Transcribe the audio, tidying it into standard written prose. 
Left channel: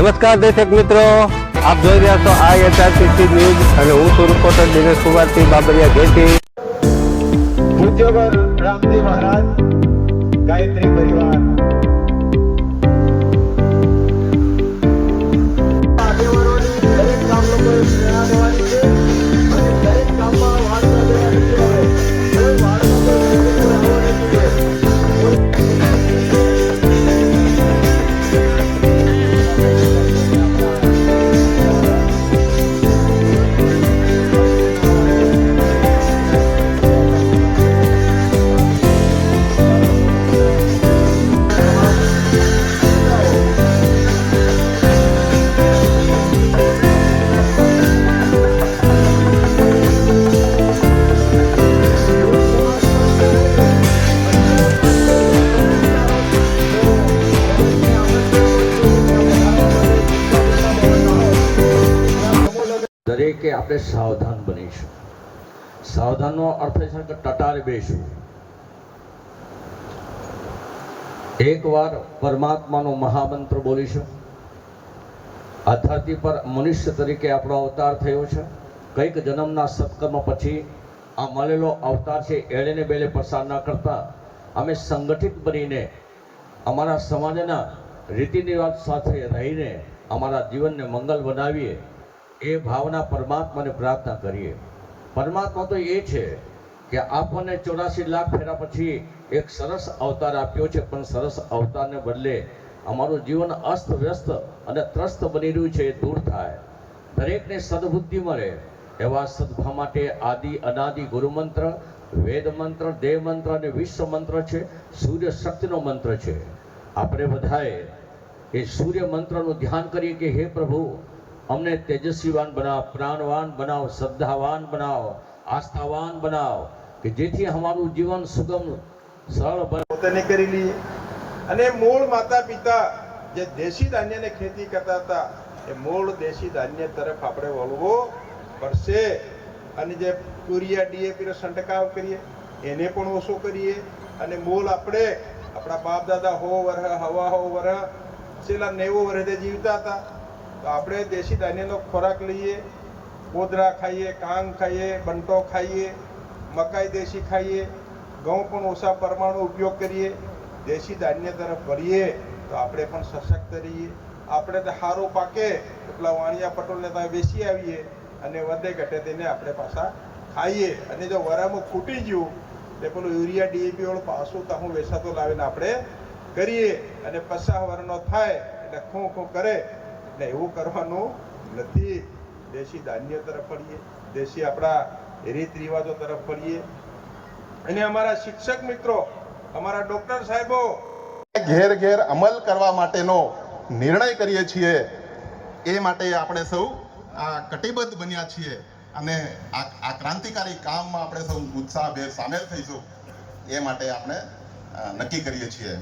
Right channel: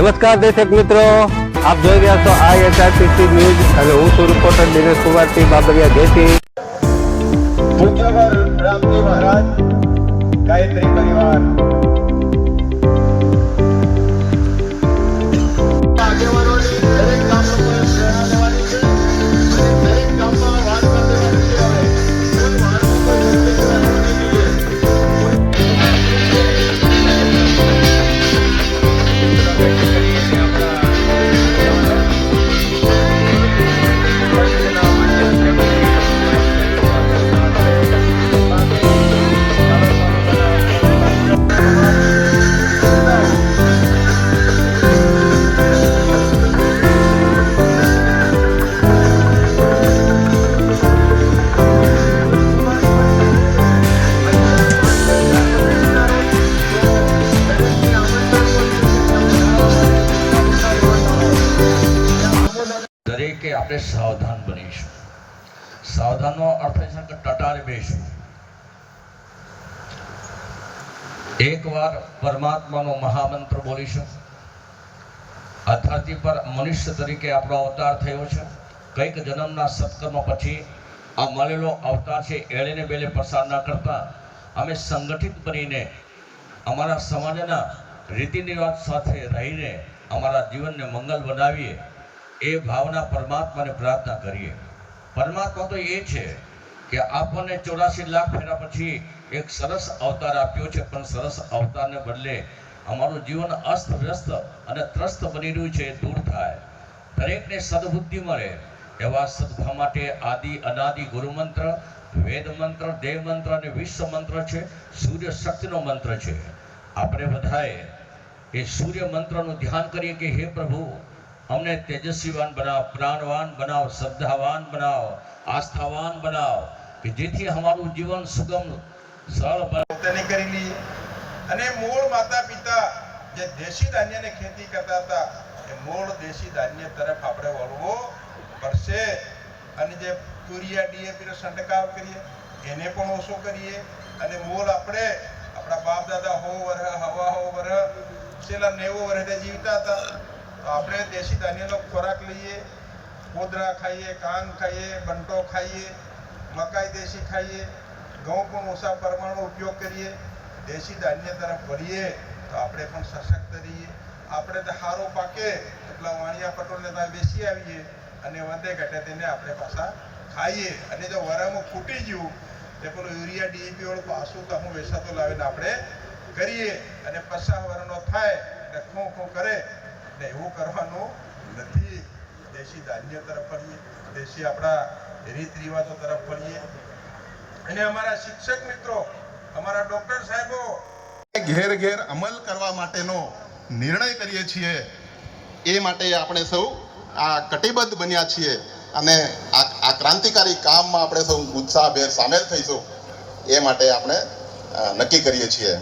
નમસ્કાર દર્શક મિત્રો, આપ જોઈ રહ્યા છો IHRTC ન્યૂઝ અને હું છું રિપોર્ટર દિનેશ કુમારસિંહ બાબરિયા ઘેટી. રામજી મહારાજ ગાયત્રી પરિવાર દરેકે આપણે સાવધાન બનીશું. સાવધાનનો અર્થ એ છે કે ટટાર બેસવું. એકવાર પરમાત્માનો મહામંત્ર બોલીશું. આ ધરતી પર મનુષ્ય તરીકે આપણો અવતાર થયો છે. કંઈક જન્મના સત્કર્મ પછી આ મળેલો અવતાર છે. એળેને બેલે પસાર ના કરતા અમે સંગઠિત બનીને અમારા સમાજના રીતિ રિવાજ સાથે રહીને અમારા જીવનને મંગલ બનાવીએ, એ ભાવના પરમાત્માને પ્રાર્થના કરીએ. પરમાત્મા તો એ છે કે આપણને 84 લાખ ફેરા પછી એક સરસ અવતાર આપ્યો છે, પણ સરસ અવતારને બદલે અમારું જીવન અસ્તવ્યસ્ત અને ત્રસ્ત બની રહ્યું છે, એ દૂર થાય. દરેકને સદબુદ્ધિ મળે એવા સદભાવ માટે આદિ અનાદિ ગુરુમંત્ર, વેદ મંત્ર, દેવ મંત્ર અને વિશ્વ મંત્ર છે, સૂર્ય શક્તિનો મંત્ર છે. આપણે બધાએ એ સૂર્ય મંત્રનું ધ્યાન કરીએ કે હે પ્રભુ, અમને તેજસ્વીવાન બનાવ, પ્રાણવાન બનાવ, શ્રદ્ધાવાન બનાવ, આસ્થાવાન બનાવ, કે જેથી અમારું જીવન સુગમ સરળ બને. પોતાને કરી લઈએ. અને મૂળ માતા પિતા જે દેશી ધાન્યની ખેતી કરતા હતા, એ મૂળ દેશી ધાન્ય તરફ આપણે વળવો પડશે. અને જે યુરિયા DAP નો છંટકાવ કરીએ એને પણ ઓછો કરીએ. અને મૂળ આપણે આપણા બાપ દાદા હો વર્ષ છેલ્લા 90 વર્ષે જીવતા હતા, તો આપણે દેશી ધાન્યનો ખોરાક લઈએ. કોદરા ખાઈએ, કાંગ ખાઈએ, બંટો ખાઈએ, મકાઈ દેશી ખાઈએ, ઘઉં પણ ઓછા પ્રમાણમાં ઉપયોગ કરીએ. દેશી ધાન્ય તરફ વળીએ તો આપણે પણ સશક્ત રહીએ. આપણે તો સારું પાકે એટલા વાણિયા પટોળને તમે બેસી આવીએ અને વધે ઘટે તેને આપણે પાછા ખાઈએ. અને જો વરામાં ફૂટી ગયું તે પેલું યુરિયા DAP વાળું પાછું તો હું વેસાતો લાવીને આપણે કરીએ. અને 50 વર્ષનો થાય એટલે ખો કરે ને, એવું કરવાનું નથી. દેશી ધાન્ય તરફ ફરીએ, દેશી આપણા રીત રિવાજો તરફ ફરીએ. અને અમારા શિક્ષક મિત્રો, અમારા ડોક્ટર સાહેબો ઘેર ઘેર અમલ કરવા માટેનો નિર્ણય કરીએ છીએ. એ માટે આપણે સૌ આ કટિબદ્ધ બન્યા છીએ અને આ ક્રાંતિકારી કામમાં આપણે સૌ ઉત્સાહભેર સામેલ થઈશું, એ માટે આપણે નક્કી કરીએ છીએ.